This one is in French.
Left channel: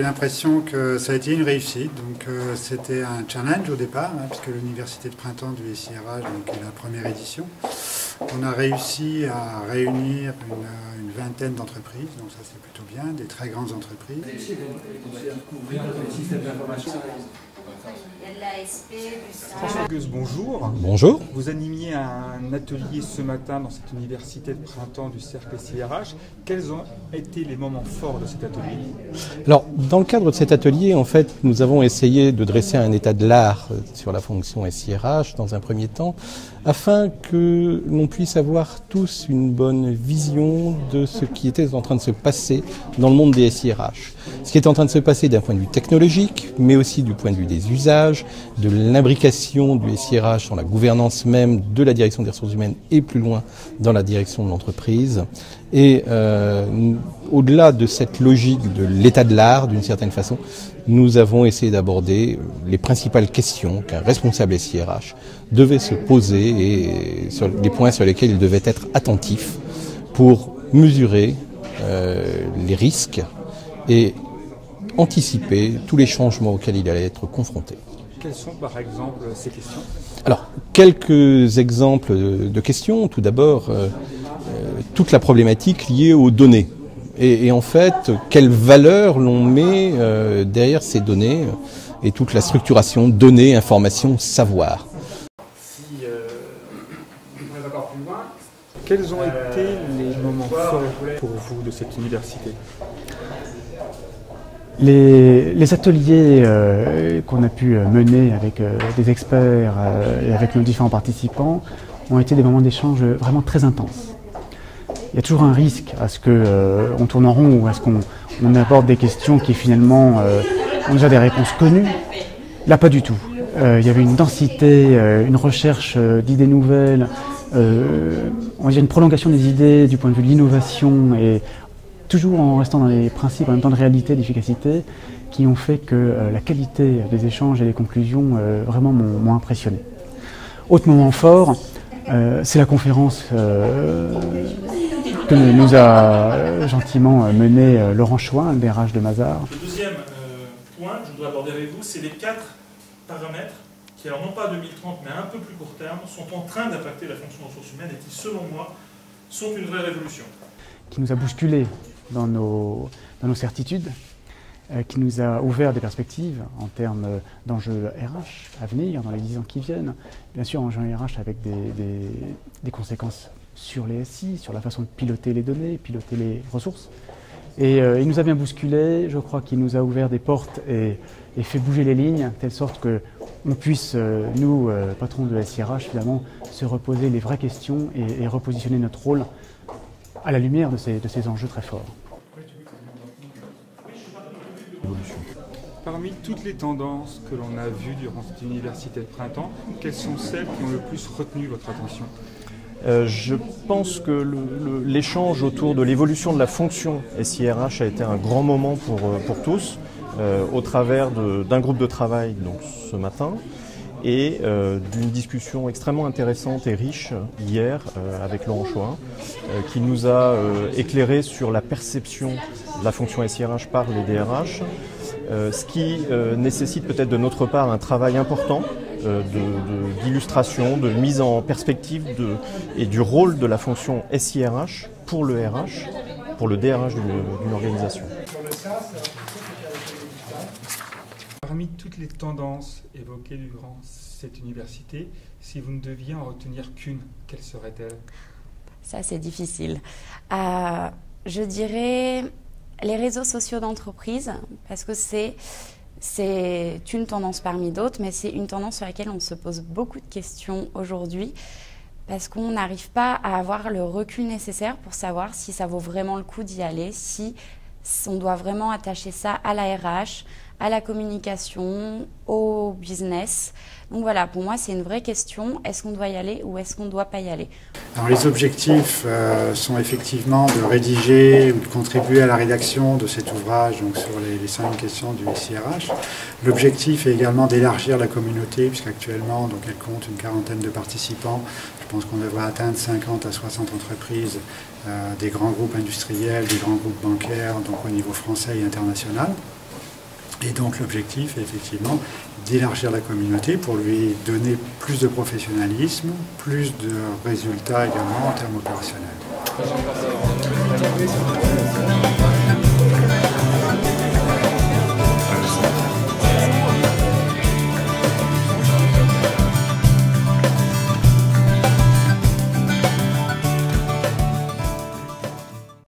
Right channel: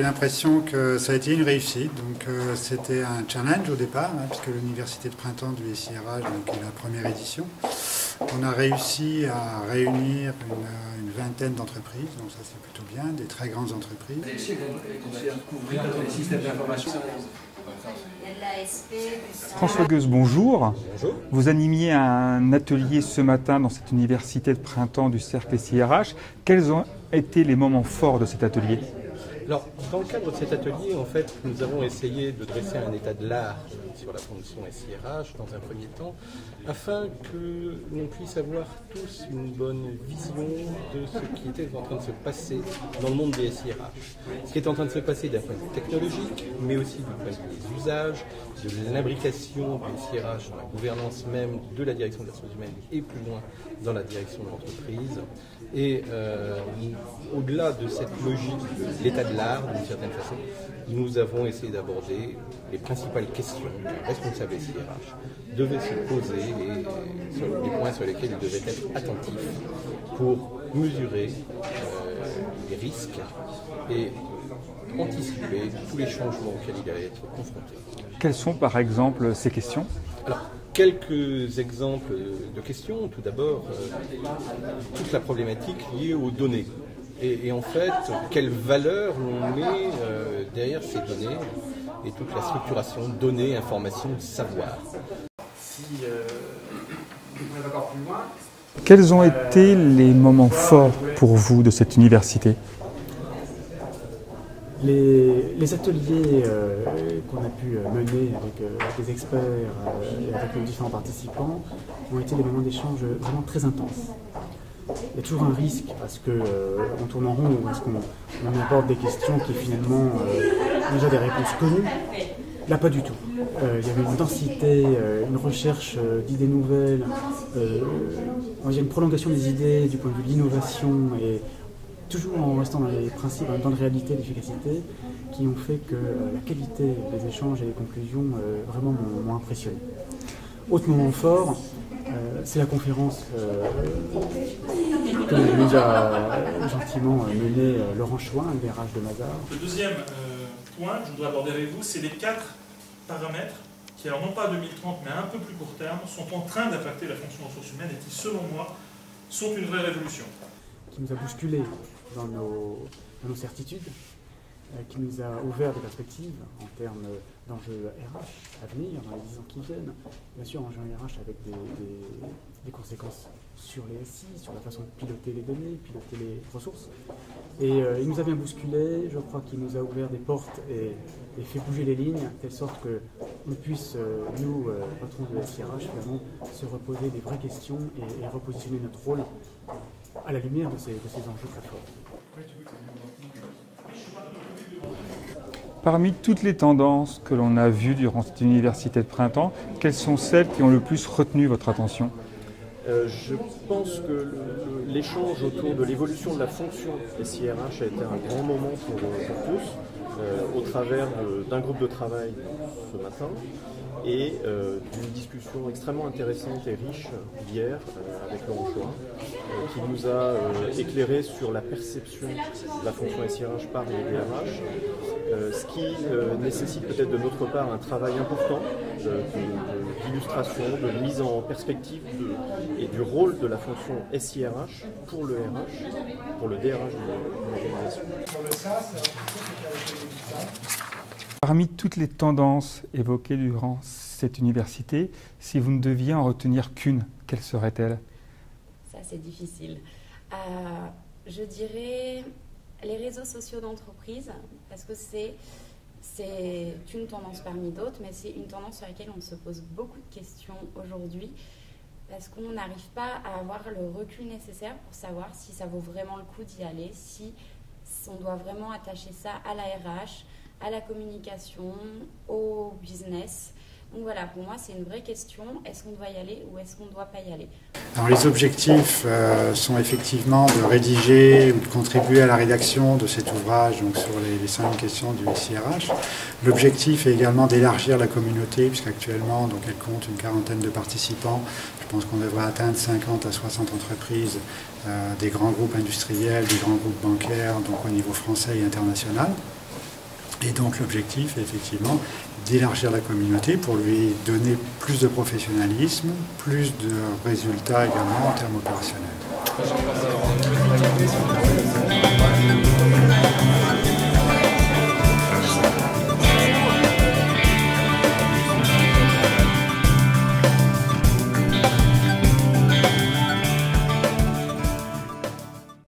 j'ai l'impression que ça a été une réussite. Donc c'était un challenge au départ, puisque l'université de printemps du SIRH est la première édition. On a réussi à réunir une vingtaine d'entreprises, donc ça c'est plutôt bien, des très grandes entreprises. François Gueuse, bonjour. Bonjour. Vous animiez un atelier ce matin dans cette université de printemps du cercle SIRH. Quels ont été les moments forts de cet atelier? Alors, dans le cadre de cet atelier, en fait, nous avons essayé de dresser un état de l'art sur la fonction SIRH dans un premier temps, afin que l'on puisse avoir tous une bonne vision de ce qui était en train de se passer dans le monde des SIRH. Ce qui est en train de se passer d'un point de vue technologique, mais aussi du point de vue des usages, de l'imbrication du SIRH dans la gouvernance même de la direction des ressources humaines et plus loin dans la direction de l'entreprise. Et au-delà de cette logique de l'état de l'art, d'une certaine façon, nous avons essayé d'aborder les principales questions qu'un responsable SIRH devait se poser et sur les points sur lesquels il devait être attentif pour mesurer les risques et anticiper tous les changements auxquels il allait être confronté. Quelles sont par exemple ces questions? Alors, quelques exemples de questions. Tout d'abord, toute la problématique liée aux données. Et en fait, quelle valeur l'on met derrière ces données et toute la structuration données, informations, savoir. Quels ont été les moments forts pour vous de cette université? Les ateliers qu'on a pu mener avec des experts et avec nos différents participants ont été des moments d'échange vraiment très intenses. Il y a toujours un risque à ce qu'on tourne en rond ou à ce qu'on aborde des questions qui finalement ont déjà des réponses connues. Là, pas du tout. Il y avait une densité, une recherche d'idées nouvelles, on va dire une prolongation des idées du point de vue de l'innovation et toujours en restant dans les principes en même temps de réalité, d'efficacité, qui ont fait que la qualité des échanges et des conclusions vraiment m'ont impressionné. Autre moment fort, c'est la conférence que nous a gentiment menée Laurent Chouin, le DRH de Mazars. Le deuxième point que je voudrais aborder avec vous, c'est les 4 paramètres qui, alors non pas à 2030, mais à un peu plus court terme, sont en train d'impacter la fonction des ressources humaines et qui, selon moi, sont une vraie révolution. Qui nous a bousculés dans nos certitudes, qui nous a ouvert des perspectives en termes d'enjeux RH à venir dans les 10 ans qui viennent. Bien sûr, enjeux RH avec des conséquences sur les SI, sur la façon de piloter les données, piloter les ressources. Et il nous a bien bousculés, je crois qu'il nous a ouvert des portes et fait bouger les lignes, de telle sorte qu'on puisse, nous, patrons de SIRH, finalement, se reposer les vraies questions et repositionner notre rôle à la lumière de ces enjeux très forts. Parmi toutes les tendances que l'on a vues durant cette université de printemps, quelles sont celles qui ont le plus retenu votre attention? Je pense que l'échange autour de l'évolution de la fonction SIRH a été un grand moment pour tous, au travers d'un groupe de travail donc, ce matin, et d'une discussion extrêmement intéressante et riche hier avec Laurent Chouin, qui nous a éclairé sur la perception de la fonction SIRH par les DRH, ce qui nécessite peut-être de notre part un travail important d'illustration, de mise en perspective et du rôle de la fonction SIRH pour le RH, pour le DRH d'une organisation. Parmi toutes les tendances évoquées durant cette université, si vous ne deviez en retenir qu'une, quelle serait-elle? Ça, c'est difficile. Je dirais les réseaux sociaux d'entreprise, parce que c'est une tendance parmi d'autres, mais c'est une tendance sur laquelle on se pose beaucoup de questions aujourd'hui, parce qu'on n'arrive pas à avoir le recul nécessaire pour savoir si ça vaut vraiment le coup d'y aller, si on doit vraiment attacher ça à la RH, à la communication, au business. Donc voilà, pour moi, c'est une vraie question. Est-ce qu'on doit y aller ou est-ce qu'on ne doit pas y aller? Alors, les objectifs sont effectivement de rédiger ou de contribuer à la rédaction de cet ouvrage donc sur les 5 questions du SIRH. L'objectif est également d'élargir la communauté, puisqu'actuellement donc, elle compte une quarantaine de participants. Je pense qu'on devrait atteindre 50 à 60 entreprises, des grands groupes industriels, des grands groupes bancaires, donc au niveau français et international. Et donc l'objectif est effectivement d'élargir la communauté pour lui donner plus de professionnalisme, plus de résultats également en termes opérationnels.